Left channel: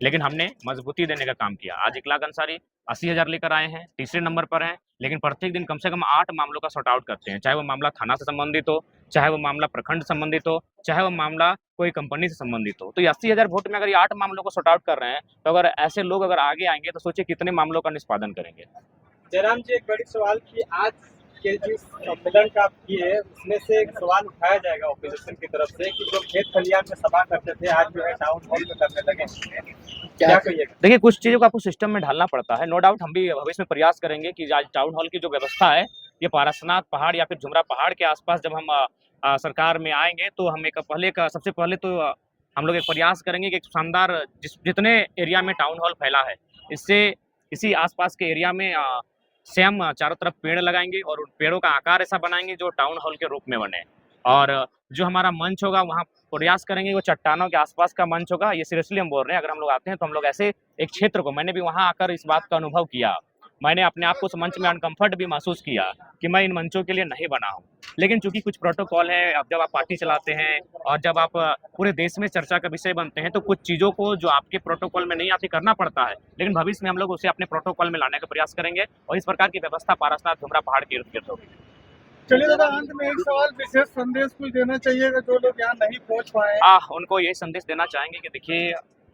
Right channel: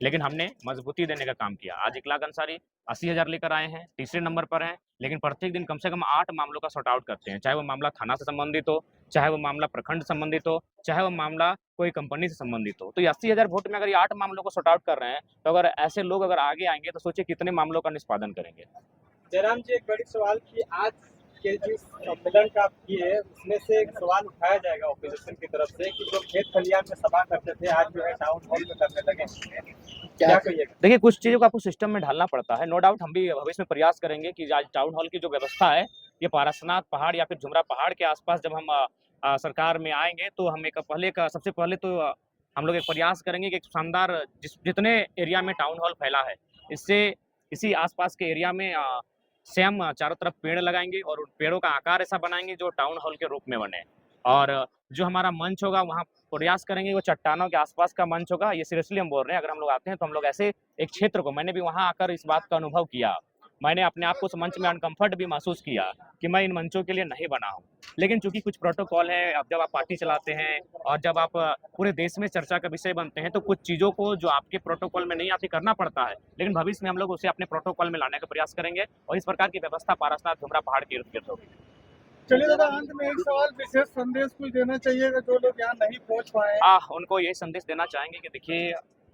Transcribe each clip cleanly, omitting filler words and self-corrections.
लेकिन हमने मजबूती देने का काम किया। आज इखलाक अंसारी 80,000 लेकर आए हैं, तीसरे नंबर पर हैं, लेकिन प्रत्येक दिन कम से कम 8 मामलों का सॉर्ट आउट करते हैं। चाहे वो मामला थाना से संबंधित हो, चाहे वो मामला प्रखंड संबंधित हो, चाहे वो मामला कोई कंपनी से संबंधित हो। तो ये 80,000 वोट में अगर ये 8 मामलों को सॉर्ट आउट कर रहे हैं, तो अगर ऐसे लोग अगर आगे आएँगे तो सोचिए कितने मामलों का निष्पादन करेंगे। जयराम जी, एक बड़ी सवाल कि आज के जिस सम्मेलन का आप किए उसमें से एक सवाल उठाया जाएगा ऑपोजिशन की तरफ से कि जो खेत खलियान में सभा करते थे आज जो है टाउन हॉल में करने लगे हैं। क्या कहिएगा? देखिए, कुछ चीज़ों को आपको सिस्टम में ढालना पड़ता है। नो डाउट हम भी भविष्य में प्रयास करेंगे कि आज टाउन हॉल की जो व्यवस्था है, ये पारसनाथ पहाड़ या फिर जुमरा पहाड़ के आस-पास जब हम सरकार में आएँगे, तो हम एक पहले का सबसे पहले तो हम लोग एक प्रयास करेंगे कि एक शानदार जितने एरिया में टाउन हॉल फैला है, इससे इसी आस-पास के एरिया में स्वयं चारों तरफ पेड़ लगाएँगे और उन पेड़ों का आकार ऐसा बनाएँगे जो टाउन हॉल के रूप में बने। और जो हमारा मंच होगा वहाँ प्रयास करेंगे वो चट्टानों के आस-पास का मंच होगा। ये सीरियसली हम बोल रहे हैं, अगर हम लोग आते हैं तो हम लोग ऐसे एक क्षेत्र को मैंने भी वहाँ आकर इस बात का अनुभव किया। मैंने अपने आप को उस मंच में अनकम्फर्ट भी महसूस किया कि मैं इन मंचों के लिए नहीं बना हूँ। लेकिन चूँकि कुछ प्रोटोकॉल है, अब जब आप पार्टी चलाते हैं और जब आप पूरे देश में चर्चा का विषय बनते हैं, तो कुछ चीज़ों को जो आपके प्रोटोकॉल में नहीं आती करना पड़ता है। लेकिन भविष्य में हम लोग उसे अपने प्रोटोकॉल में लाने का प्रयास करेंगे और इस प्रकार की व्यवस्था पारसनाथ जुमरा पहाड़ के इर्द-गिर्द होगी। चलिए दादा, अंत में एक सवाल, विशेष संदेश कुछ देना चाहिएगा जो लोग यहाँ नहीं पहुँच पाए? उनको यही संदेश देना चाहेंगे कि देखिए,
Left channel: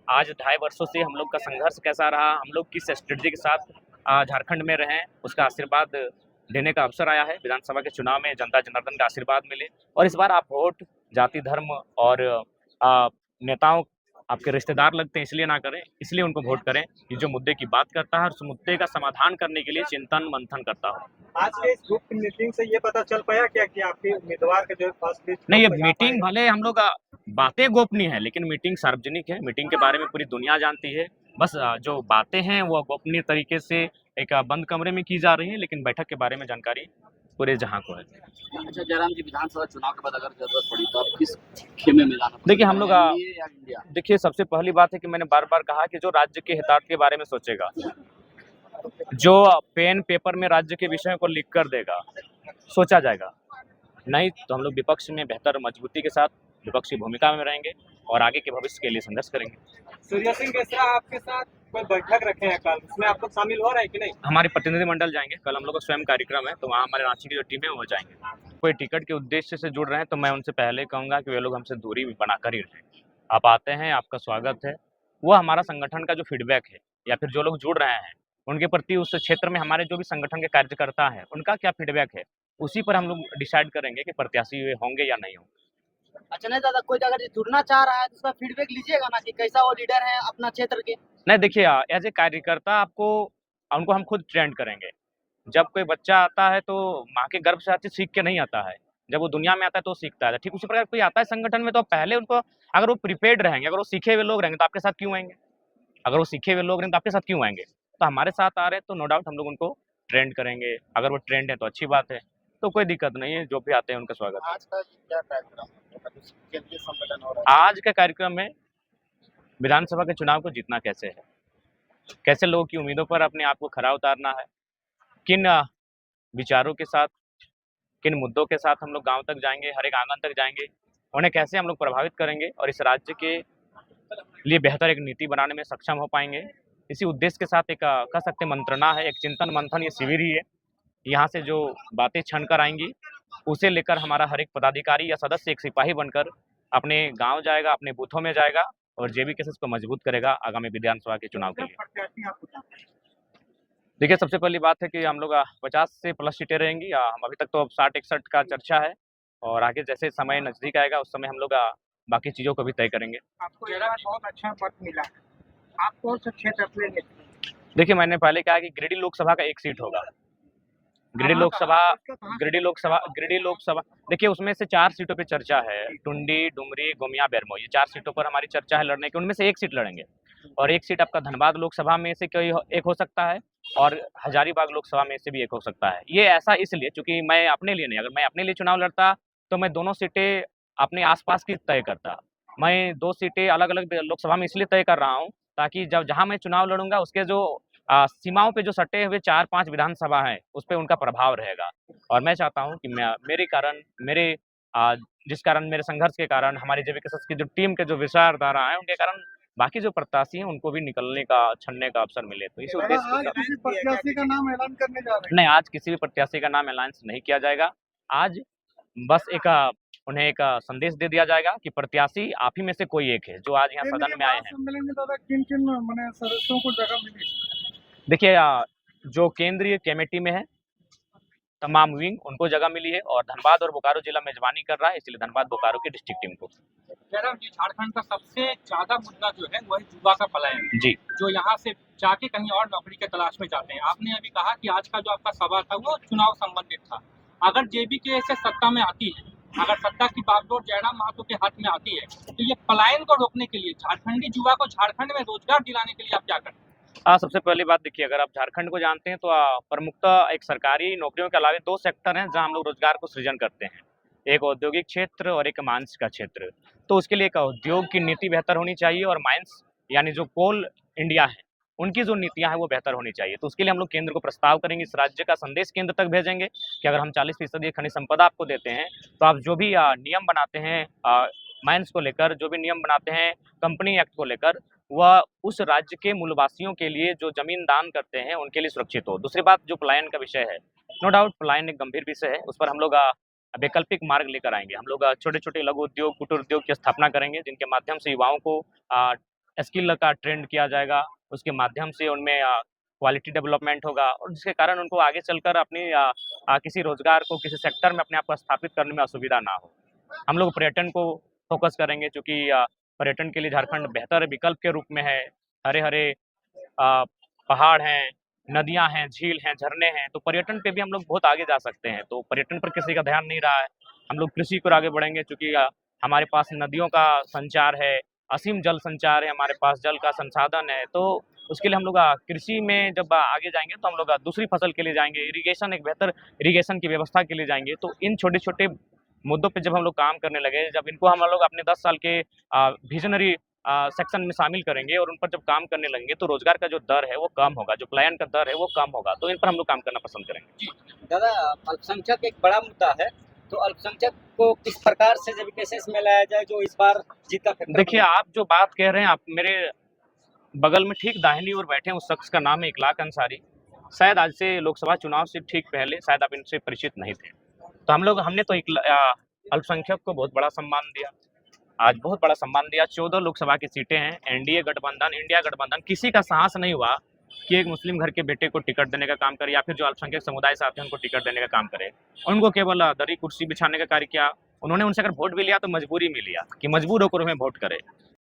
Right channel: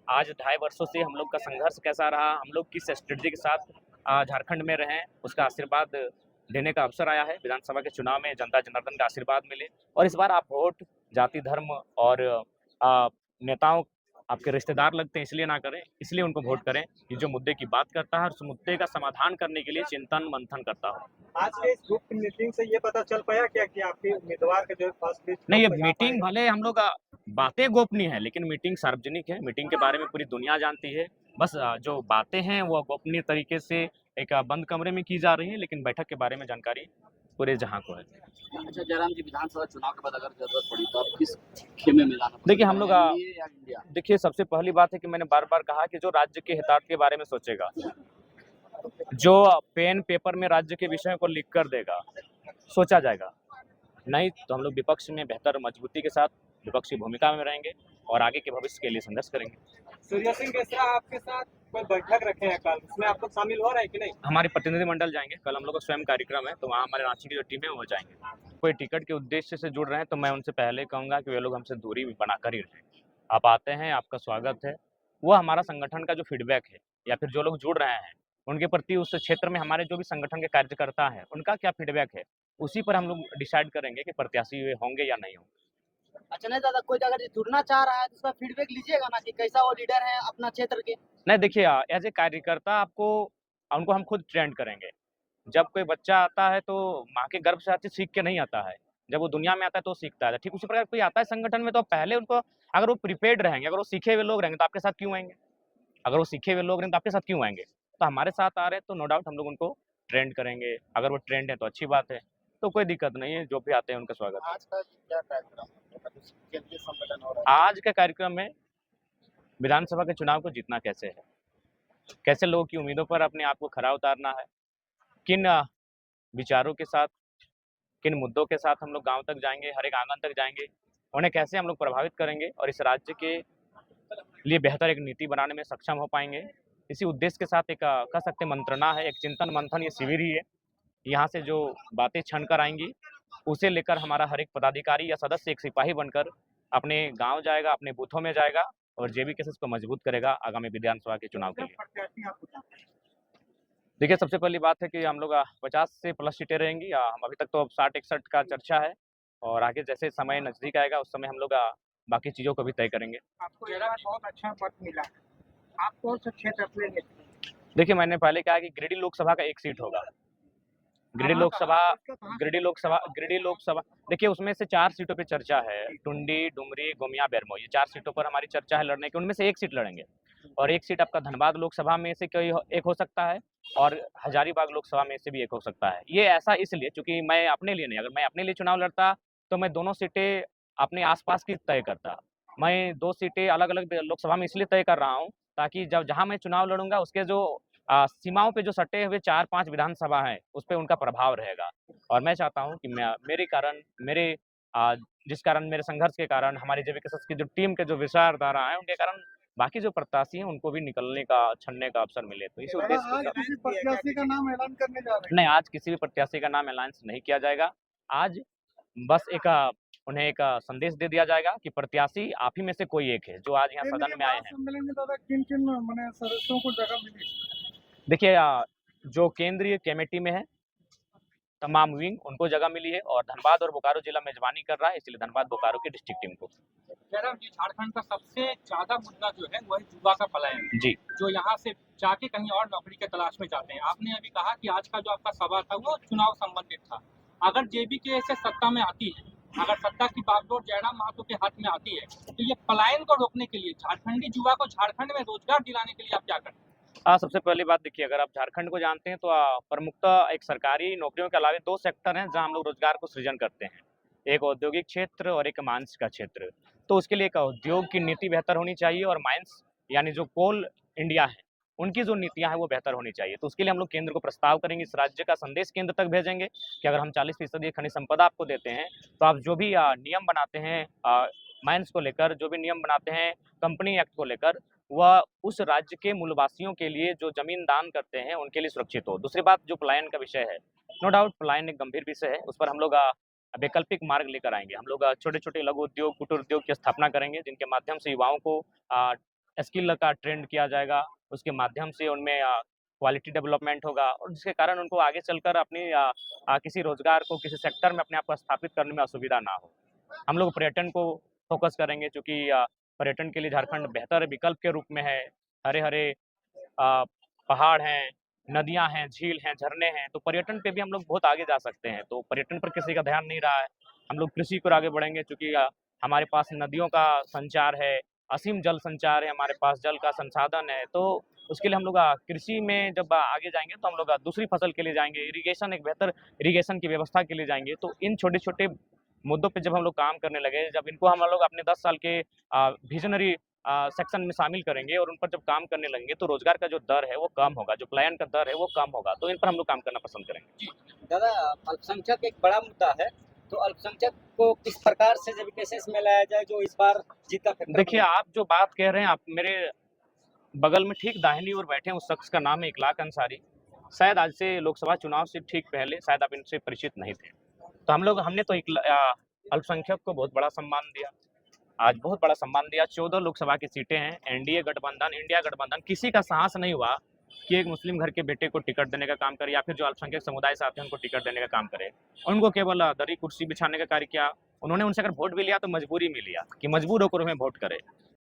आज ढाई वर्षों से हम लोग का संघर्ष कैसा रहा, हम लोग किस स्ट्रेटजी के साथ झारखंड में रहे, उसका आशीर्वाद देने का अवसर आया है। विधानसभा के चुनाव में जनता जनार्दन का आशीर्वाद मिले और इस बार आप वोट जाति, धर्म और नेताओं आपके रिश्तेदार लगते हैं इसलिए ना करें, इसलिए उनको वोट करें कि जो मुद्दे की बात करता है और उस मुद्दे का समाधान करने के लिए चिंतन-मंथन करता हो। आज के इस ग्रुप की मीटिंग से ये पता चल पाया क्या कि आपके उम्मीदवार के जो है फर्स्ट लिस्ट नहीं, कब ये तक आ मीटिंग पाएगा? भले हम लोग बातें गोपनीय है, लेकिन मीटिंग सार्वजनिक है। मीटिंग के बारे में पूरी दुनिया जानती है। बस जो बातें हैं, वो गोपनीय तरीके से एक बंद कमरे में की जा रही हैं, लेकिन बैठक के बारे में जानकारी पूरे जहाँ को है। अच्छा जयराम जी, विधानसभा चुनाव के बाद अगर जरूरत पड़ी तो आप किस खेमे में जाना देखिए, पसंद हम लोग करेंगे, एनडीए या इंडिया? देखिए, सबसे पहली बात है कि मैंने बार-बार कहा कि जो राज्य के हितार्थ के बारे में सोचेगा, जो पेन पेपर में राज्य के विषयों को लिख कर देगा, सोचा जाएगा। नहीं तो हम लोग विपक्ष में बेहतर मजबूती के साथ विपक्षी भूमिका में रहेंगे और आगे के भविष्य के लिए संघर्ष करेंगे। सूर्य सिंह मिश्रा आपके साथ कोई बैठक रखे हैं कल, उसमें आप लोग शामिल हो रहे हैं कि नहीं? हमारे प्रतिनिधिमंडल जाएँगे, कल हम लोग का स्वयं कार्यक्रम है, तो वहाँ हमारे रांची की जो टीम है वो जाएँगे। कोई टिकट के उद्देश्य से जुड़ रहे हैं, तो मैं उनसे पहले कहूँगा कि वे लोग हमसे दूरी भी बनाकर ही रहें। आप आते हैं, आपका स्वागत है। वो हमारा संगठन का जो फीडबैक है या फिर जो लोग जुड़ रहे हैं, उनके प्रति उस क्षेत्र में हमारे जो भी संगठन के कार्यकर्ता हैं, उनका क्या फीडबैक है, उसी पर हम लोग डिसाइड करेंगे कि प्रत्याशी वे होंगे या नहीं होंगे। अच्छा नहीं दादा, कोई अगर जुड़ना चाह रहा है तो उसका फीडबैक लीजिएगा ना कि कैसा वो लीडर है अपना क्षेत्र के। नहीं देखिए एज़ ए कार्यकर्ता आपको उनको हम खुद ट्रेंड करेंगे। जब कोई बच्चा आता है तो माँ के गर्भ से हर चीज़ सीख के नहीं आता है। जब वो दुनिया में आता है तो सीखता है। ठीक उसी प्रकार कोई आता है संगठन में तो पहले उनको अगर वो प्रिपेयर्ड रहेंगे, अगर वो सीखे हुए लोग रहेंगे तो आपके साथ क्यों आएँगे? अगर वो सीखे हुए लोग रहेंगे तो आपके साथ क्यों आएँगे? तो हमारे साथ आ रहे हैं तो नो डाउट हम लोग उनको ट्रेंड करेंगे। अगर वो ट्रेंड है तो अच्छी बात है। तो कोई दिक्कत नहीं है, जो भी आते हैं उनका स्वागत है। आज का क्या कार्यक्रम है? केंद्रीय सम्मेलन हो रहा है। आज के कार्यक्रम में विधानसभा के चुनाव को जीतना कैसे है? कैसे लोगों की उम्मीदों पर अपने आप को खरा उतारना है? किन विचारों के साथ, किन मुद्दों के साथ हम लोग गाँव तक जाएँगे, हर एक आंगन तक जाएँगे, उन्हें कैसे हम लोग प्रभावित करेंगे और इस राज्य के लिए बेहतर एक नीति बनाने में सक्षम हो पाएँगे। इसी उद्देश्य के साथ एक कह सकते हैं मंत्रणा है, एक चिंतन मंथन ये शिविर ही है। यहाँ से जो बातें छन कर आएँगी, उसे लेकर हमारा हर एक पदाधिकारी या सदस्य एक सिपाही बनकर अपने गाँव जाएगा, अपने बूथों में जाएगा और जेबी केसेस को मजबूत करेगा आगामी विधानसभा के चुनाव के लिए। प्रत्याशी आपको चाहते हैं? देखिए, सबसे पहली बात है कि हम लोग 50 से प्लस सीटें रहेंगी। हम अभी तक तो 60-61 का चर्चा है और आगे जैसे समय नज़दीक आएगा, उस समय हम लोग बाकी चीज़ों को भी तय करेंगे। आपको ये बहुत अच्छा पद मिला है। आप कौन सा क्षेत्र अपने लिए? देखिए, मैंने पहले कहा कि गिरिडीह लोकसभा का 1 सीट होगा। गिरिडीह कहाँ का? लोकसभा आपका कहाँ? गिरिडीह लोकसभा देखिए, उसमें से 4 सीटों पे चर्चा है। टुंडी, डुमरी, गोमिया, बेरमो ये 4 सीटों पर हमारी चर्चा है लड़ने की, उनमें से 1 सीट लड़ेंगे और 1 सीट आपका धनबाद लोकसभा में से एक हो सकता है और हजारीबाग लोकसभा में से भी एक हो सकता है। ये ऐसा इसलिए चूँकि मैं अपने लिए नहीं, अगर मैं अपने लिए चुनाव लड़ता, तो मैं दोनों सीटें अपने आस-पास की तय करता। मैं 2 सीटें अलग-अलग लोकसभा में इसलिए तय कर रहा हूँ, ताकि जब जहाँ मैं चुनाव लड़ूँगा, उसके जो सीमाओं पे जो सटे हुए 4-5 विधानसभा हैं, उस पे उनका प्रभाव रहेगा। और मैं चाहता हूँ कि मेरे कारण मेरे जिस कारण मेरे संघर्ष के कारण हमारी जेवीकेएसएस की जो टीम के जो विचारधारा हैं, उनके कारण बाकी जो प्रत्याशी हैं उनको भी निकलने का, छनने का अवसर मिले। तो इसी उद्देश्य के साथ किसी प्रत्याशी का नाम ऐलान करने जा रहे नहीं, आज किसी भी प्रत्याशी का नाम ऐलान नहीं किया जाएगा। आज बस उन्हें एक संदेश दे दिया जाएगा कि प्रत्याशी आप ही में से कोई एक है, जो आज यहाँ सदन में आए हैं। सम्मेलन में दादा किन-किन माने सदस्यों को जगह मिली? देखिए जो केंद्रीय कमेटी में है, तमाम विंग उनको जगह मिली है और धनबाद और बोकारो जिला मेजबानी कर रहा है, इसलिए धनबाद बोकारो की डिस्ट्रिक्ट टीम को। जयराम जी, झारखंड का सबसे ज्यादा मुद्दा जो है वो है युवा का पलायन, जी, जो यहाँ से जाके कहीं और नौकरी के तलाश में जाते हैं। आपने अभी कहा कि आज का जो आपका सवाल था वो चुनाव संबंधित था। अगर जेबीके से सत्ता में आती है, अगर सत्ता की बागडोर जयराम महतो के हाथ में आती है, तो ये पलायन को रोकने के लिए, झारखंडी युवा को झारखंड में रोजगार दिलाने के लिए आप क्या करें? सबसे पहली बात देखिए, अगर आप झारखंड को जानते हैं तो प्रमुखतः एक सरकारी नौकरियों के अलावा 2 सेक्टर हैं जहाँ हम लोग रोजगार को सृजन करते हैं। एक औद्योगिक क्षेत्र और एक माइंस का क्षेत्र। तो उसके लिए एक उद्योग की नीति बेहतर होनी चाहिए और माइंस यानी जो कोल इंडिया है, उनकी जो नीतियाँ हैं वो बेहतर होनी चाहिए। तो उसके लिए हम लोग केंद्र को प्रस्ताव करेंगे, इस राज्य का संदेश केंद्र तक भेजेंगे कि अगर हम 40% खनिज संपदा आपको देते हैं, तो आप जो भी नियम बनाते हैं माइंस को लेकर, जो भी नियम बनाते हैं कंपनी एक्ट को लेकर, वह उस राज्य के मूलवासियों के लिए जो ज़मीन दान करते हैं, उनके लिए सुरक्षित हो। दूसरी बात जो पलायन का विषय है, नो डाउट पलायन एक गंभीर विषय है, उस पर हम लोग वैकल्पिक मार्ग लेकर आएँगे। हम लोग छोटे-छोटे लघु उद्योग, कुटीर उद्योग की स्थापना करेंगे, जिनके माध्यम से युवाओं को स्किल का ट्रेंड किया जाएगा, उसके माध्यम से उनमें क्वालिटी डेवलपमेंट होगा और जिसके कारण उनको आगे चलकर अपनी किसी रोज़गार को, किसी सेक्टर में अपने आप को स्थापित करने में असुविधा ना हो। हम लोग पर्यटन को फ़ोकस करेंगे क्योंकि पर्यटन के लिए झारखंड बेहतर विकल्प के रूप में है। हरे-हरे पहाड़ हैं, नदियाँ हैं, झील हैं, झरने हैं, तो पर्यटन पे भी हम लोग बहुत आगे जा सकते हैं। तो पर्यटन पर किसी का ध्यान नहीं रहा है। हम लोग कृषि को आगे बढ़ेंगे क्योंकि हमारे पास नदियों का संचार है, असीम जल संचार है, हमारे पास जल का संसाधन है। तो उसके लिए हम लोग कृषि में जब आगे जाएँगे तो हम लोग दूसरी फसल के लिए जाएँगे, इरिगेशन एक बेहतर इरिगेशन की व्यवस्था के लिए जाएँगे। तो इन छोटे-छोटे मुद्दों पे जब हम लोग काम करने लगे, जब इनको हम लोग अपने 10 साल के विज़नरी सेक्शन में शामिल करेंगे और उन पर जब काम करने लगेंगे, तो रोज़गार का जो दर है, वो कम होगा, जो पलायन का दर है, वो कम होगा। तो इन पर हम लोग काम करना पसंद करेंगे। दादा, अल्पसंख्यक एक बड़ा मुद्दा है, तो अल्पसंख्यक को किस प्रकार से जब केसेस में लाया जाए जो इस बार जीत का फैक्टर देखिए, आप जो बात कह रहे हैं, आप मेरे बगल में ठीक दाहिनी ओर बैठे हैं, उस शख्स का नाम है इखलाक अंसारी। शायद आज से लोकसभा चुनाव से ठीक पहले शायद आप इनसे परिचित नहीं थे। तो हमने तो अल्पसंख्यक को बहुत बड़ा सम्मान दिया। आज बहुत बड़ा सम्मान दिया, 14 लोकसभा की सीटें हैं, एनडीए गठबंधन, इंडिया गठबंधन, किसी का साहस नहीं हुआ कि एक मुस्लिम घर के बेटे को टिकट देने का काम करे या फिर जो अल्पसंख्यक समुदाय से आते हैं उनको टिकट देने का काम करे। उनको केवल दरी कुर्सी बिछाने का कार्य किया। उन्होंने उनसे अगर वोट भी लिया तो मजबूरी में लिया कि मजबूर होकर हमें वोट करे।